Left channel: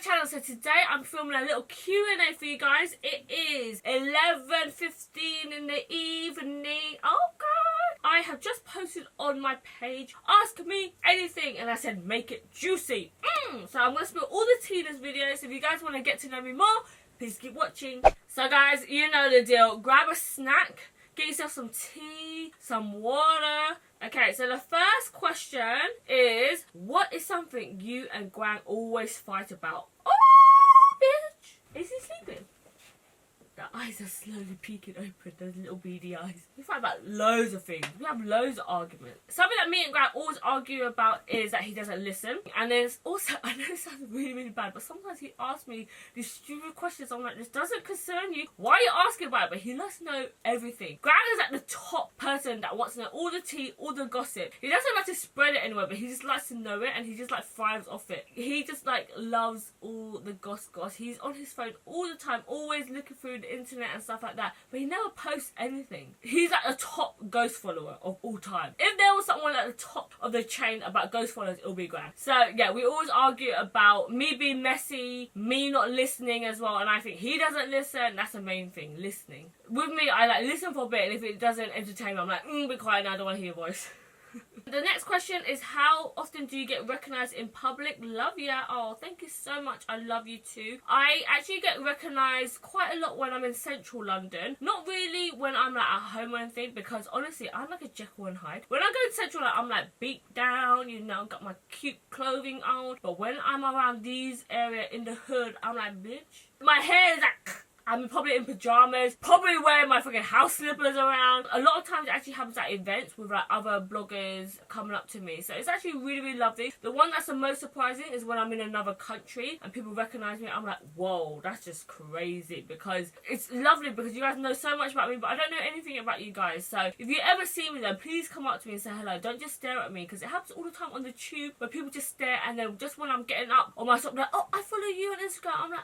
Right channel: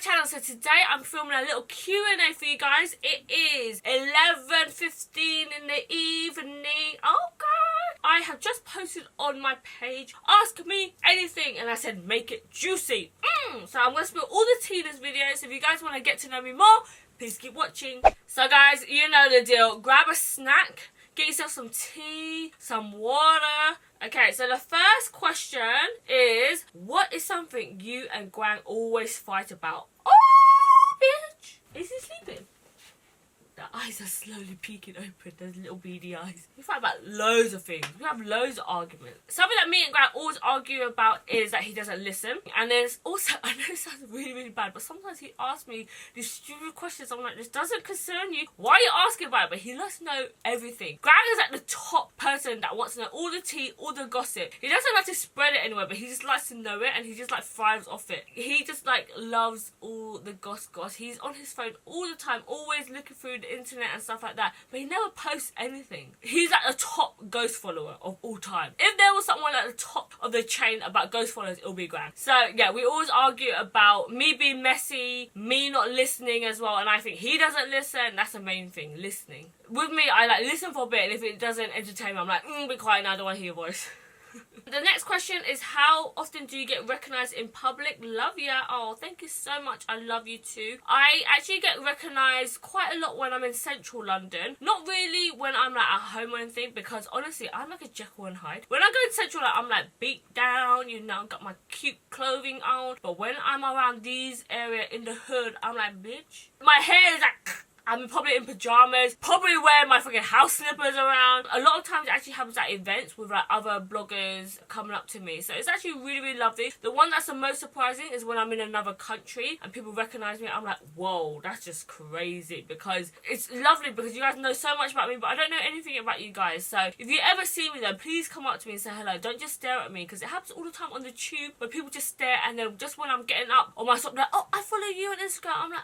channel. So today I'm filming a little Q&A for you guys. It is 11:15 in the evening. Oh god, I have just posted on my page, ask me anything, and I said make it juicy. So I'm going to spill all the tea in this video. So if you guys want to get to know me more, please keep watching. So guys, you know the deal. Grab a snack, get yourself some tea, some water. Okay, so the first question is, what is something you and Guang always fight about? Oh, bitch! Is he sleeping? The eyes are slowly peeking open, those little beady eyes. We fight about loads of things. We have loads of arguments. Something that me and Grant always argue about is that he doesn't listen. And there's also, I know it sounds really, really bad, but sometimes he asks me these stupid questions. I'm like, this doesn't concern you. Why are you asking about it? But he loves to know everything. Grant is like the top person that wants to know all the tea, all the gossip. He doesn't like to spread it anywhere, but he just likes to know it and he just like thrives off it. He just like loves all the goss. He's on his phone all the time, always looking through the internet and stuff like that, but he never posts anything. He's like the top ghost follower of all time. If there was someone at the top of the chain about ghost followers, it'll be Grant. So yeah, we always argue about me being messy, me not listening as well, and I think he doesn't listen. That's the main thing, listening. With me, I like listen for a bit, and if it doesn't entertain me, I'm like, be quiet now, I don't want to hear your voice. The next question is, how often do you get recognised in public? Love ya. Oh, thank you so much. I love you too. I actually get recognised quite a lot when I'm in central London. Not really when I'm like at home or anything, because honestly, I'm like a Jekyll and Hyde. When I go to central, like, I'm like beat down, you know, got my cute clothing on. But when I'm around these area in the hood, I'm like, bitch. My hair is like... I'm probably in pyjamas, probably wearing my freaking house slippers around. A lot of times it actually happens at events with like other bloggers coming up to me. So it's actually really, really lovely. The one that's the most surprising is when I'm in another country and people recognise me. I'm like, whoa, that's just crazy. Because it's lovely because you guys know so much about me, but I don't know anything about you guys. So if you ever see me though, please come up to me and say hello. Don't just stare at me, because it happens all the time on the tube where people just stare, and then just when I'm getting up on my stop, like, oh, I follow you on Instagram. I'm like,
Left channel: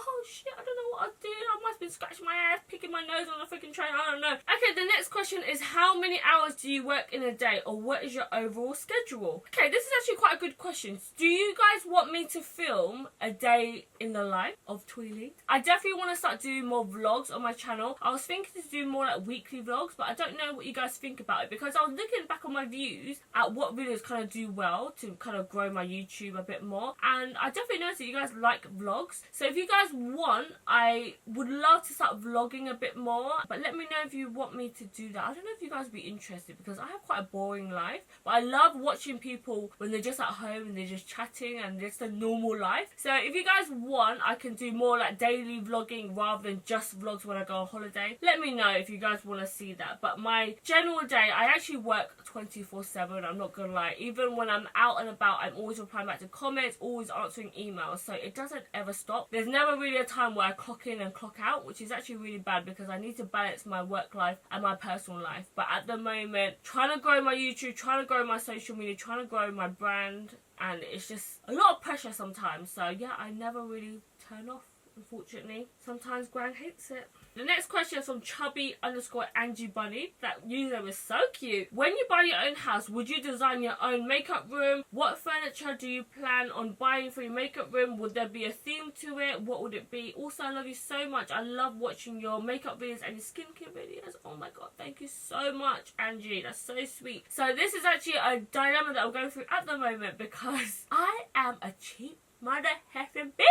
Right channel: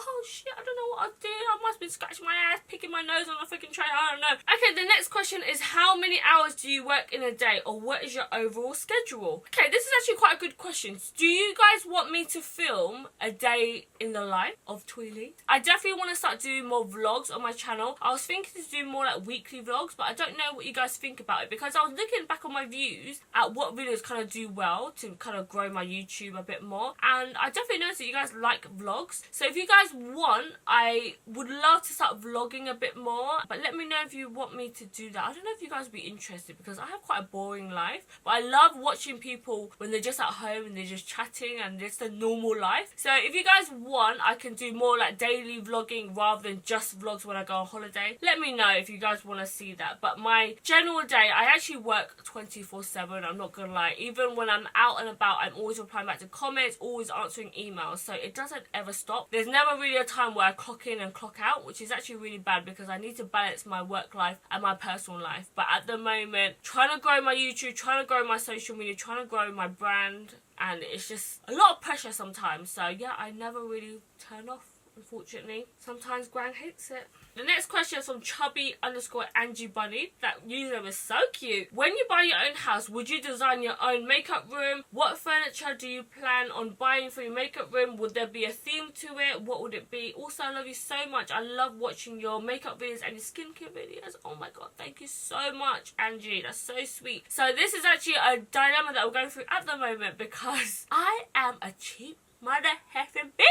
oh shit, I don't know what I did. I must have been scratching my ass, picking my nose on a freaking train. I don't know. Okay, the next question is, how many hours do you work in a day, or what is your overall schedule? Okay, this is actually quite a good question. Do you guys want me to film a day in the life of Thuy? I definitely want to start doing more vlogs on my channel. I was thinking to do more like weekly vlogs, but I don't know what you guys think about it, because I was looking back on my views at what videos kind of do well to kind of grow my YouTube a bit more, and I definitely noticed that you guys like vlogs. So if you guys want, I would love to start vlogging a bit more, but let me know if you want me to do that. I don't know if you guys would be interested, because I have quite a boring life, but I love watching people when they're just at home and they're just chatting and it's the normal life. So if you guys want, I can do more like daily vlogging rather than just vlogs when I go on holiday. Let me know if you guys want to see that. But my general day, I actually work 24/7. I'm not gonna lie. Even when I'm out and about, I'm always replying back to comments, always answering emails, so it doesn't ever stop. There's never really a time where I clock in and clock out, which is actually really bad, because I need to balance my work life and my personal life. But at the moment, trying to grow my YouTube, trying to grow my social media, trying to grow my brand, and it's just a lot of pressure sometimes. So yeah, I never really turn off, unfortunately. Sometimes Gran hates it. The next question is from chubby_Angie Bunny. That username is so cute. When you buy your own house, would you design your own makeup room? What furniture do you plan on buying for your makeup room? Would there be a theme to it? What would it be? Also, I love you so much. I love watching your makeup videos and your skincare videos. Oh my god, thank you so much, Angie. That's so sweet. So this is actually a dilemma that we're going through at the moment, because I am a cheap mother effing bitch.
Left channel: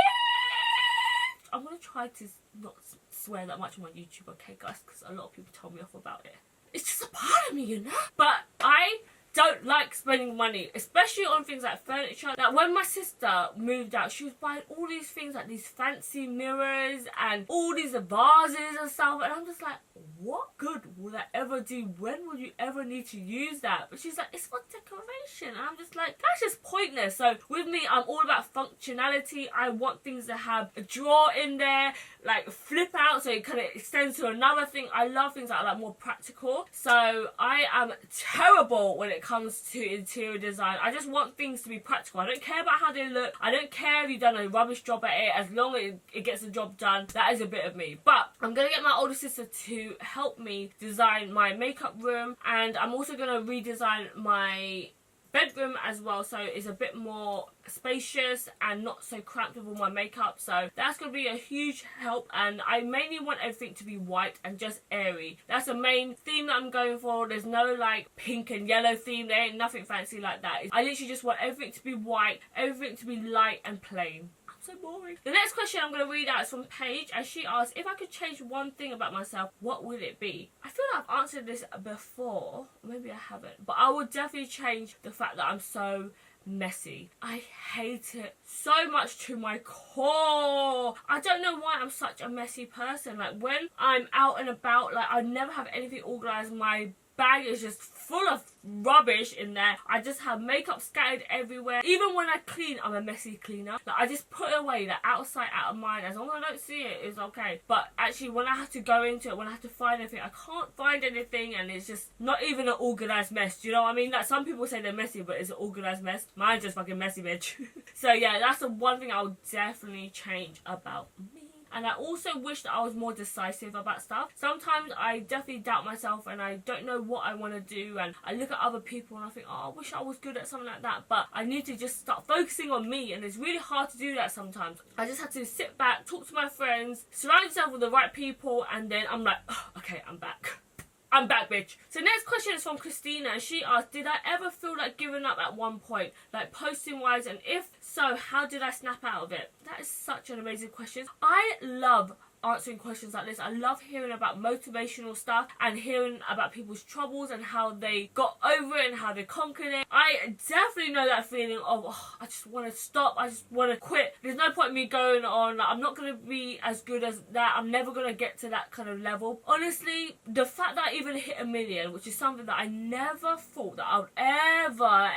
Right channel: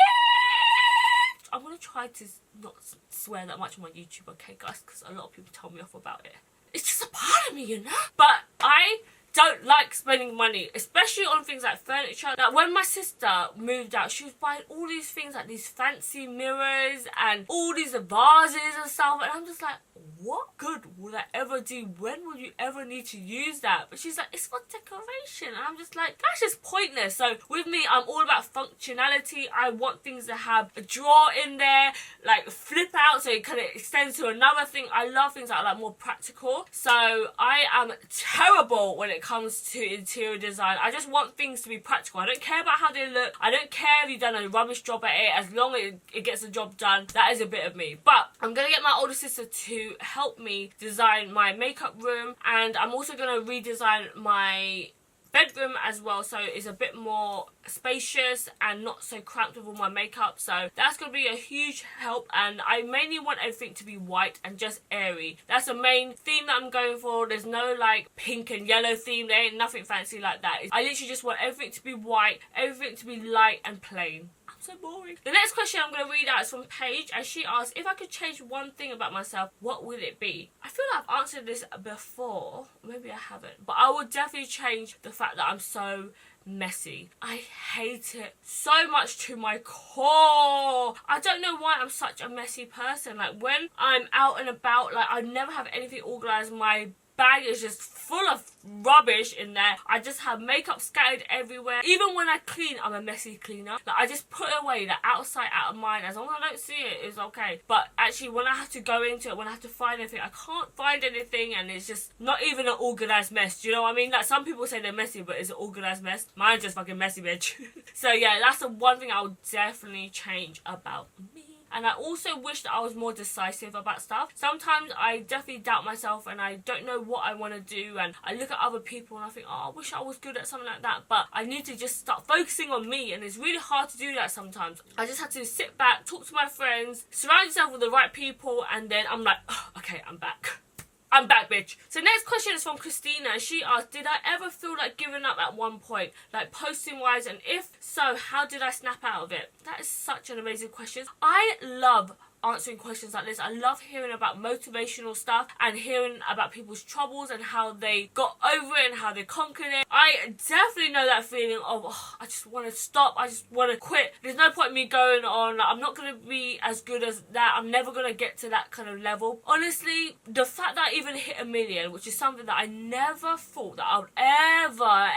I'm going to try to not swear that much on my YouTube, okay guys, because a lot of people tell me off about it. It's just a part of me, you know? But I don't like spending money, especially on things like furniture. Like when my sister moved out, she was buying all these things, like these fancy mirrors and all these vases and stuff, and I'm just like, what good will that ever do? When will you ever need to use that? But she's like, it's for decoration, and I'm just like, that's just pointless. So with me, I'm all about functionality. I want things to have a drawer in there, like flip out so it kind of extends to another thing. I love things that are like more practical. So I am terrible when it comes to interior design. I just want things to be practical. I don't care about how they look. I don't care if you've done a rubbish job at it. As long as it gets the job done, that is a bit of me. But I'm gonna get my older sister to help me design my makeup room, and I'm also gonna redesign my bedroom as well, so it's a bit more spacious and not so cramped with all my makeup. So that's going to be a huge help, and I mainly want everything to be white and just airy. That's the main theme that I'm going for. There's no like pink and yellow theme. There ain't nothing fancy like that. I literally just want everything to be white, everything to be light and plain. So boring. The next question I'm going to read out is from Paige, and she asked, if I could change one thing about myself, what would it be? I feel like I've answered this before. Maybe I haven't. But I would definitely change the fact that I'm so messy. I hate it so much to my core. I don't know why I'm such a messy person. Like when I'm out and about, like I never have anything organised. My bag is just full of rubbish in there. I just have makeup scattered everywhere. Even when I clean, I'm a messy cleaner. Like I just put it away, like outside, out of mind. As long as I don't see it, it's okay. But actually, when I have to go into it, when I have to find anything, I can't find anything, and it's just not even an organised mess. Do you know what I mean? Like some people say they're messy, but it's an organised mess. Mine's just fucking messy, bitch. So yeah, that's the one thing I would definitely change about me. And I also wish that I was more decisive about stuff. Sometimes I definitely doubt myself and I don't know what I want to do, and I look at other people and I think, oh, I wish I was good at something like that, but I need to just start focusing on me, and it's really hard to do that sometimes. I just have to sit back, talk to my friends, surround yourself with the right people, and then I'm like, oh, okay, I'm back. I'm back, bitch. So next question is from Christina, and she asked, did I ever feel like giving up at one point, like posting wise, and if so, how did I snap out of it? That is such an amazing question. I love answering questions like this. I love hearing about motivational stuff and hearing about people's troubles and how they got over it and how they conquered it. I definitely know that feeling of, oh, I just want to stop, I just want to quit. There's no point in me going on. Like, I'm not going to be as good as that. I'm never going to get to that kind of level. Honestly, the fact that I even hit 1 million, which is something that I never thought that I would ever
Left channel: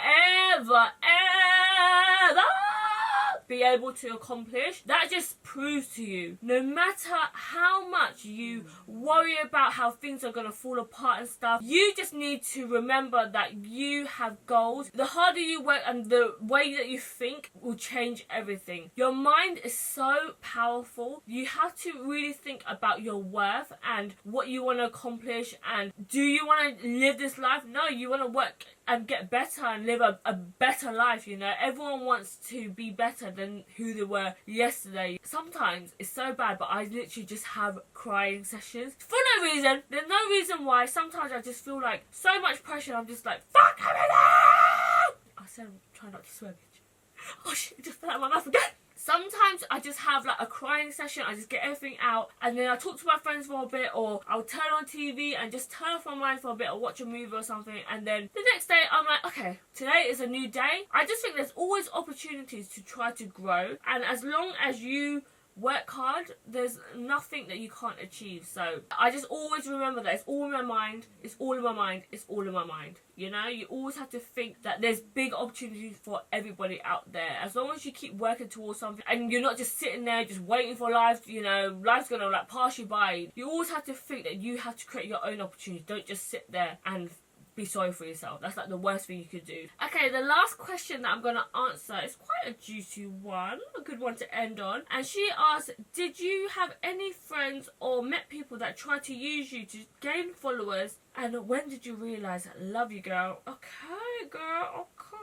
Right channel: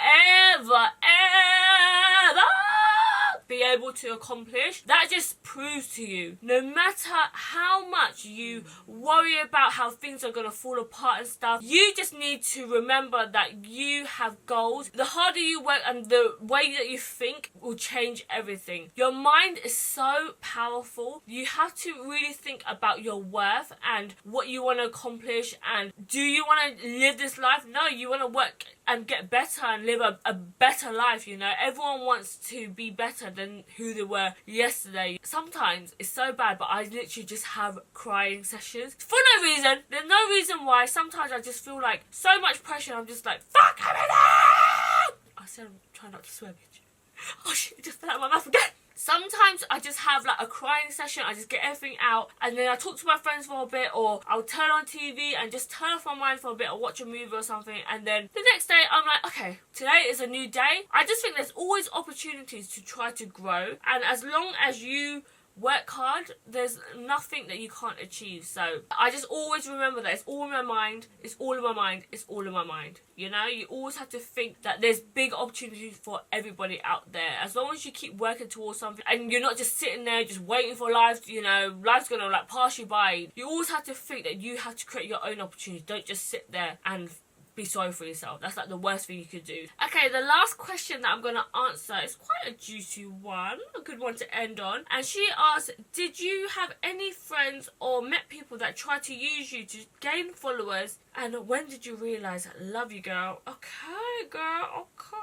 be able to accomplish, that just proves to you, no matter how much you worry about how things are going to fall apart and stuff, you just need to remember that you have goals. The harder you work and the way that you think will change everything. Your mind is so powerful. You have to really think about your worth and what you want to accomplish, and do you want to live this life? No, you want to work and get better and live a better life, you know. Everyone wants to be better than who they were yesterday. Sometimes it's so bad, but I literally just have crying sessions for no reason. There's no reason why. Sometimes I just feel like so much pressure, and I'm just like, fuck everything! I said I'm trying not to swear, bitch. Oh shit, it just fell out of my mouth again. Sometimes I just have like a crying session. I just get everything out, and then I talk to my friends for a bit, or I'll turn on TV and just turn off my mind for a bit, or watch a movie or something, and then the next day I'm like, okay, today is a new day. I just think there's always opportunities to try to grow, and as long as you work hard, there's nothing that you can't achieve. So I just always remember that it's all in my mind, it's all in my mind, it's all in my mind. You know, you always have to think that there's big opportunities for everybody out there. As long as you keep working towards something and you're not just sitting there just waiting for life, you know, life's gonna like pass you by. You always have to think that you have to create your own opportunities. Don't just sit there and be sorry for yourself. That's like the worst thing you could do. Okay, the last question that I'm going to answer is quite a juicy one, a good one to end on. And she asked, did you have any friends or met people that tried to use you to gain followers, and when did you realise? Love you, girl. Okay, girl, okay.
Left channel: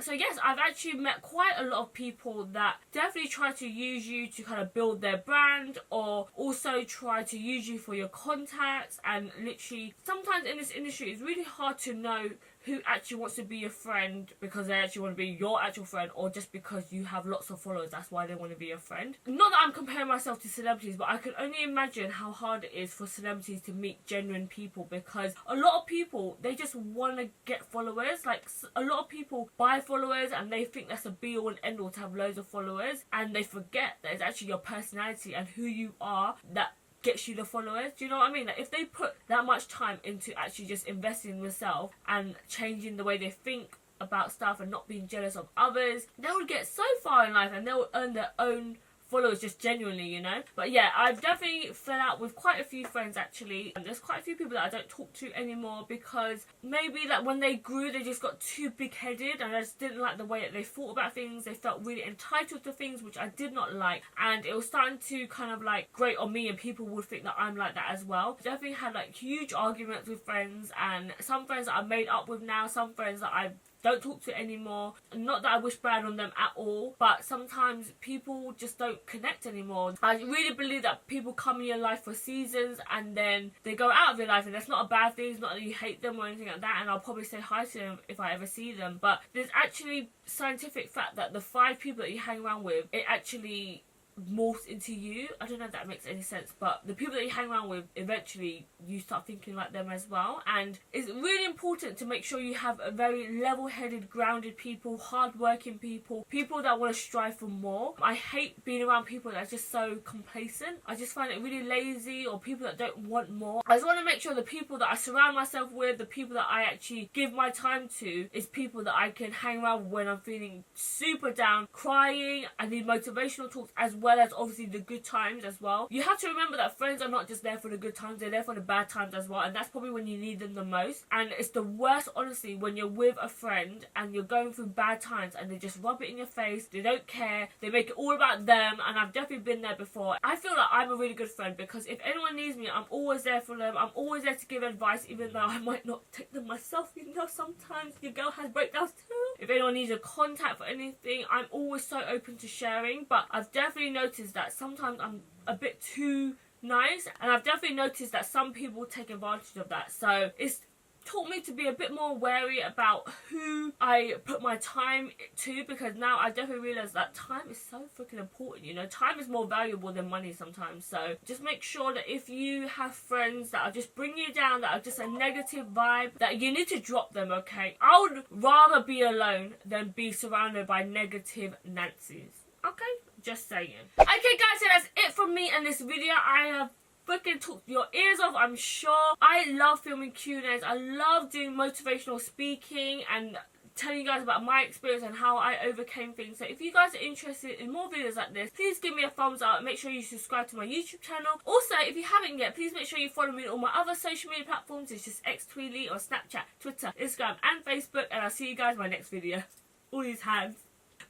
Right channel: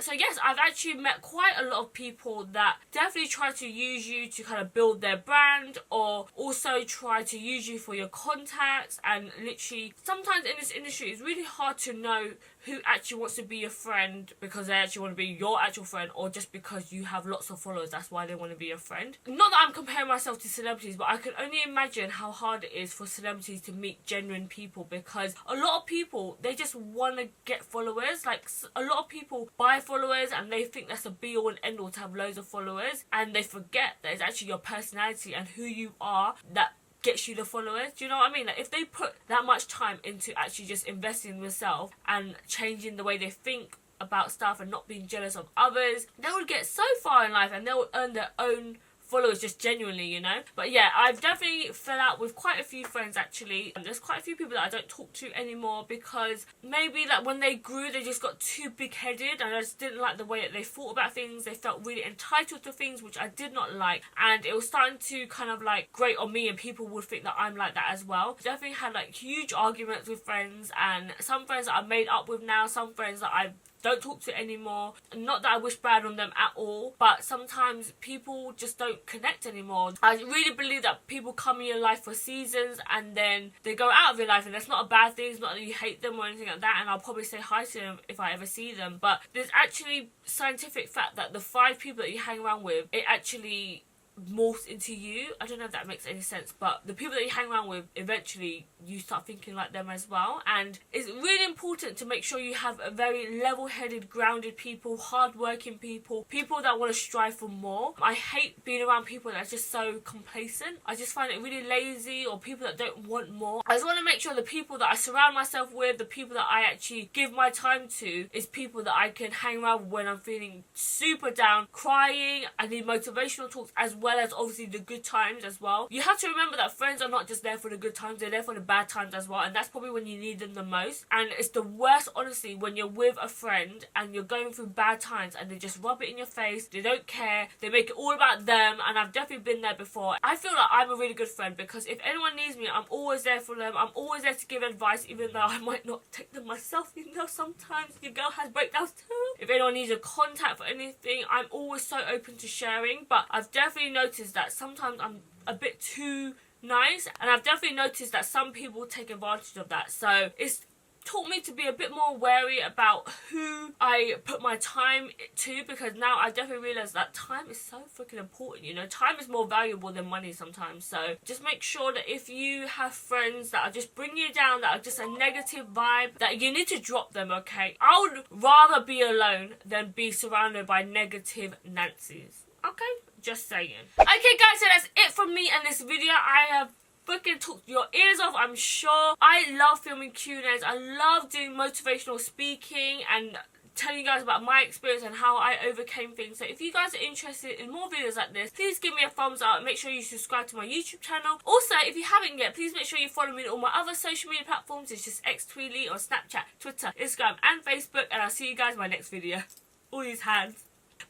So yes, I've actually met quite a lot of people that definitely try to use you to kind of build their brand, or also try to use you for your contacts. And literally, sometimes in this industry, it's really hard to know who actually wants to be your friend because they actually want to be your actual friend, or just because you have lots of followers, that's why they want to be your friend. Not that I'm comparing myself to celebrities, but I can only imagine how hard it is for celebrities to meet genuine people, because a lot of people, they just want to get followers. Like, a lot of people buy followers and they think that's a be all and end all to have loads of followers, and they forget that it's actually your personality and who you are that gets you the followers. Do you know what I mean? Like, if they put that much time into actually just investing in themselves and changing the way they think about stuff and not being jealous of others, they will get so far in life and they will earn their own followers just genuinely, you know. But yeah, I've definitely fell out with quite a few friends actually. And there's quite a few people that I don't talk to anymore because maybe like when they grew they just got too big-headed and I just didn't like the way that they thought about things. They felt really entitled to things, which I did not like, and it was starting to kind of like grate on me, and people would think that I'm like that as well. Definitely had like huge arguments with friends, and some friends that I made up with now, some friends that I don't talk to anymore. Not that I wish bad on them at all, but sometimes people just don't connect anymore. I really believe that people come in your life for seasons and then they go out of your life, and that's not a bad thing. It's not that you hate them or anything like that, and I'll probably say hi to them if I ever see them. But there's actually scientific fact that the 5 people that you hang around with, it actually morphs into you. I don't know if that makes any sense, but the people that you hang around with, eventually you start thinking like them as well. And it's really important to make sure you have a very level-headed, grounded people, hard-working people, people that want to strive for more. I hate being around people that are just so complacent. I just find it really lazy, or people that don't want more. I just want to make sure the people that I surround myself with, the people that I actually give my time to, is people that I can hang around when I'm feeling super down, crying. I need motivational talks as well as obviously the good times as well. You have to remember that friends are not just there for the good times, they're there for the bad times as well, and that's probably when you need them the most. And it's the worst, honestly, when you're with a friend and you're going through bad times and they just rub it in your face, they don't care, they make it all about them. And I've definitely been there before. I feel like I'm a really good friend because if anyone needs me, I'm always there for them. I'm always there to give advice, even though I might not take them myself. You know, sometimes your girl has breakdowns too. If anyone needs a contact for anything, I'm always so open to sharing. But I've definitely noticed that sometimes I'm a bit too nice, and I've definitely noticed that some people take advantage of that. So it's taught me to be a bit more wary about who I put my time to, because now I definitely realise that time is so freaking important, you know. Time is more valuable than money sometimes. So just make sure that if you have friends that are just bringing you down, that are just a negative vibe, that you need to drop them, okay? I would rather be alone than be surrounded by negative Nancy's, okay? Just saying. Okay guys, so that's it from me and this video. I have freaking talked your ears off, I'm sure. I love filming Q&As. I love doing motivational speaking and telling you guys about my experience and how I overcame things. So if you guys are interested in more videos like this, please give me a thumbs up. Make sure you subscribe to my YouTube channel. Also, if you haven't yet, please make sure you follow me on all my other social media platforms. It's just Thuy on Snapchat, Twitter, Instagram and Facebook. And I'll see you guys in my next video. All these hands.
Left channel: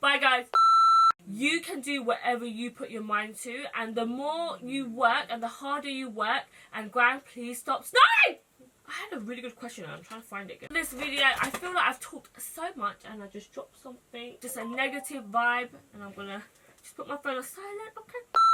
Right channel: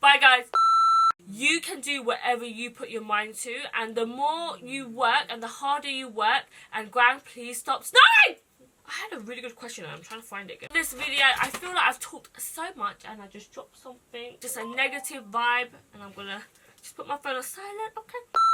Bye guys. You can do whatever you put your mind to, and the more you work and the harder you work, and Gran, please stop snoring! I had a really good question and I'm trying to find it again. In this video, I feel like I've talked so much and I just dropped something, just a negative vibe, and I'm gonna just put my phone on silent, okay?